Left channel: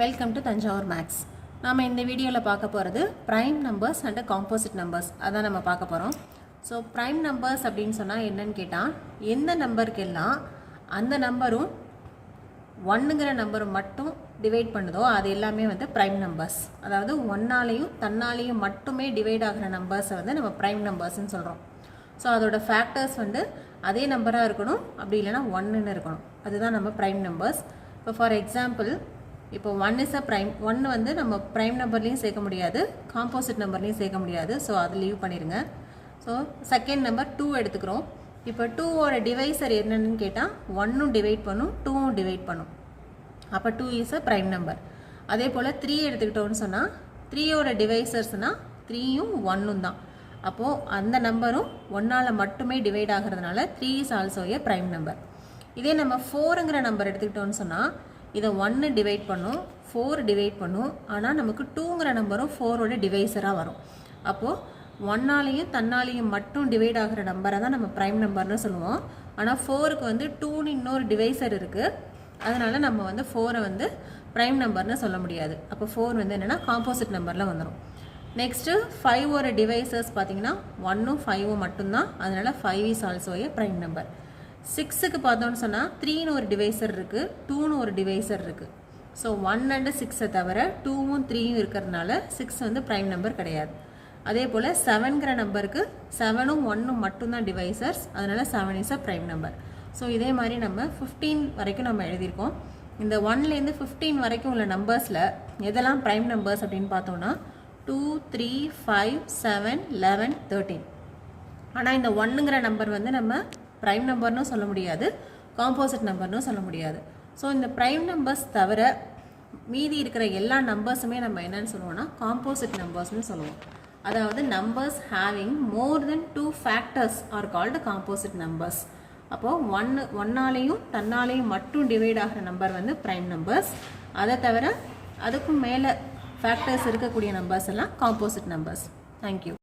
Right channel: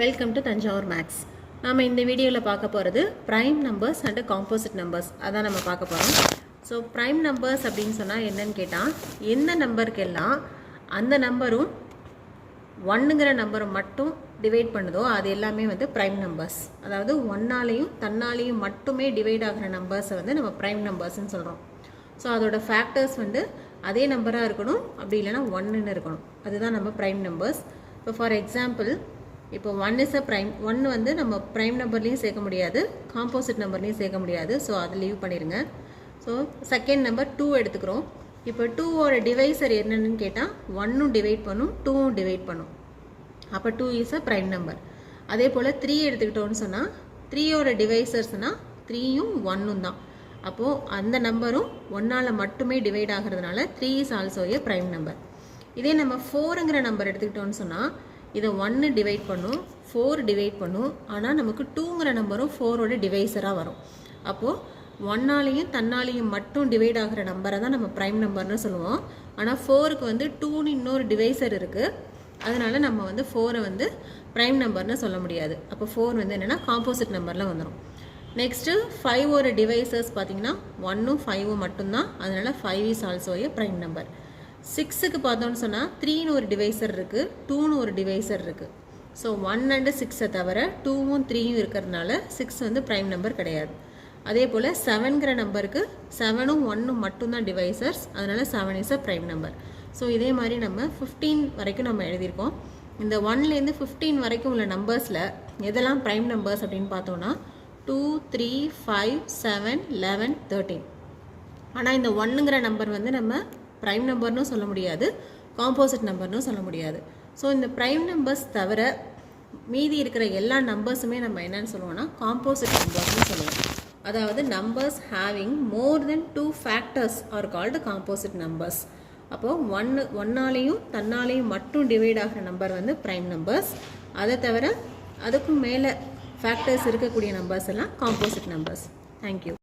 Welcome to Thanjavur maths. நாம் இந்த வீடியோவில் பார்க்க போகிறது prime numbers and composite numbers அதான் நம்ம பார்க்க போகிறோம். ஸோ ப்ரைம் நம்பர்ஸ் அப்படின்னு சொன்னால் என்னன்னு கேட்டால், எந்த நம்பருக்கெல்லாம் அந்த நம்பரும் ஒன்றுங்கிற நம்பர் மட்டும் டிவைட் பண்ணுதோ அது எல்லாமே வந்து ப்ரைம் நம்பர்ஸ். அதாவது ஒன்னாலையும் தன்னாலையும் மட்டுமே டிவைட் ஆகிற நம்பர்ஸை வந்து நம்ம ப்ரைம் நம்பர்ஸ்ன்னு சொல்கிறோம். ஸோ அதோட ஃபேக்டர்ஸ் வந்து அதே நம்பராக இருக்கணும், அப்படி இல்லைன்னா ஒன்றுன்னு இருக்கணும். அதுதான் நம்ம ப்ரைம் நம்பர்ஸ். இப்போ ஃபார் எக்ஸாம்பிள், இப்போ 1 இஸ் அ ப்ரைம். 1 வந்து நம்ம ப்ரைம் நம்பர்லேயும் சேர்க்க முடியாது, காம்போசிட் நம்பர்லேயும் சேர்க்க முடியாது. ஸோ அதை லீவ் பண்ணிடுங்க. ஸோ செகண்ட் நம்பர் 2 எடுத்துக்கிறோம். இப்போ 2ஓட டிவைசர் என்னன்னு கேட்டால் 1ம் டிவைட் பண்ணும், 2ம் டிவைட் பண்ணும். அப்போ 2 இஸ் அ ப்ரைம் நம்பர். அதே போல் 3 எடுத்துக்கிட்டோம்னு சொன்னால் 3ஓட டிவைசர்ஸ்னால் 3யும் 1ம் தான். அப்போது அந்த நம்பரும் 1ஆல் மட்டுமே டிவைட் ஆகிறதுனால 3 is also a prime number. இதே நம்ம 4ங்கிற நம்பர் எடுத்துக்கிட்டோம்னு சொன்னால் இதை 1 டிவைட் பண்ணும், 4 டிவைட் பண்ணும். ஆனால் நமக்கு 2ங்கிற நம்பரும் 4ஓட டிவைசராக வரும். அப்போது 1ஆலையும் தன்னாலையும் மட்டும் டிவைட் ஆகிற நம்பரை தான் நம்ம ப்ரைம் நம்பர்னு சொல்லுவோம். ஆனால் 4க்கு வந்து 2ன்னு இன்னொரு டிவைசர் இருக்குது. அதனால் நம்ம வந்து 4ஐ வந்து ப்ரைம் நம்பர்னு சொல்ல முடியாது. அப்போ 4 வந்து என்னென்னா காம்போசிட் நம்பரில் வந்துடும். நெக்ஸ்ட்டு 5ஓட டிவைசர்ஸ் பார்த்தீங்கன்னா 1ம் 5ம் மட்டும்தான். அதனால் 5 is also a prime number. 6க்கு பார்த்தோன்னு சொன்னால் 3ன்னு ஒரு டிவைசர் இருக்குது, 2ன்னு ஒரு டிவைசர் இருக்குது. ஸோ 1 அண்ட் 6ஐ தவிர 2ம் 3யும் இருக்கிறதுனால 6 வந்து ப்ரைம் நம்பர் கிடையாது. அதே போல் 7ங்கிற நம்பருக்கு 7ம் 1ம் மட்டும்தான் டிவைசர்ஸ். அதனால் 7 is a prime number. So இதே மாதிரி நம்ம 15 வரைக்கும் நம்ம எழுதியிருக்கோம். இந்த 1லேருந்து 15 வரைக்கும் உள்ள நம்பர்ஸில் எதெல்லாம் ப்ரைம் நம்பர்ஸ் அப்படின்னு பார்த்தோன்னா 2, 3, 5, 7, 11, 13. ஆனால் இந்த 1ங்கிற நம்பர் வந்து நம்ம ப்ரைம் நம்பர்னு சொல்ல முடியாது, காம்போசிட் நம்பர்னு சொல்ல முடியாது. ஸோ இந்த ப்ரைம் நம்பர்ஸ் தவிர மீதி இருக்கிற எல்லா நம்பர்ஸுமே நம்ம என்னன்னு சொல்லுவோம்னா காம்போசிட் நம்பர்ஸ்னு சொல்லுவோம். அதாவது numbers having more then 2 factors are called composite numbers. அப்போது ஒன்னாலையும் தன்னாலையும் மட்டும் டிவைட் ஆகிற நம்பர் வந்து ப்ரைம் நம்பர்ஸ். அதை தவிர அதுக்கும் மேலே ஃபேக்டர்ஸ் இருக்கக்கூடிய நம்பர்ஸ் எல்லாம் காம்போசிட் நம்பர்ஸ். தேங்க்யூ.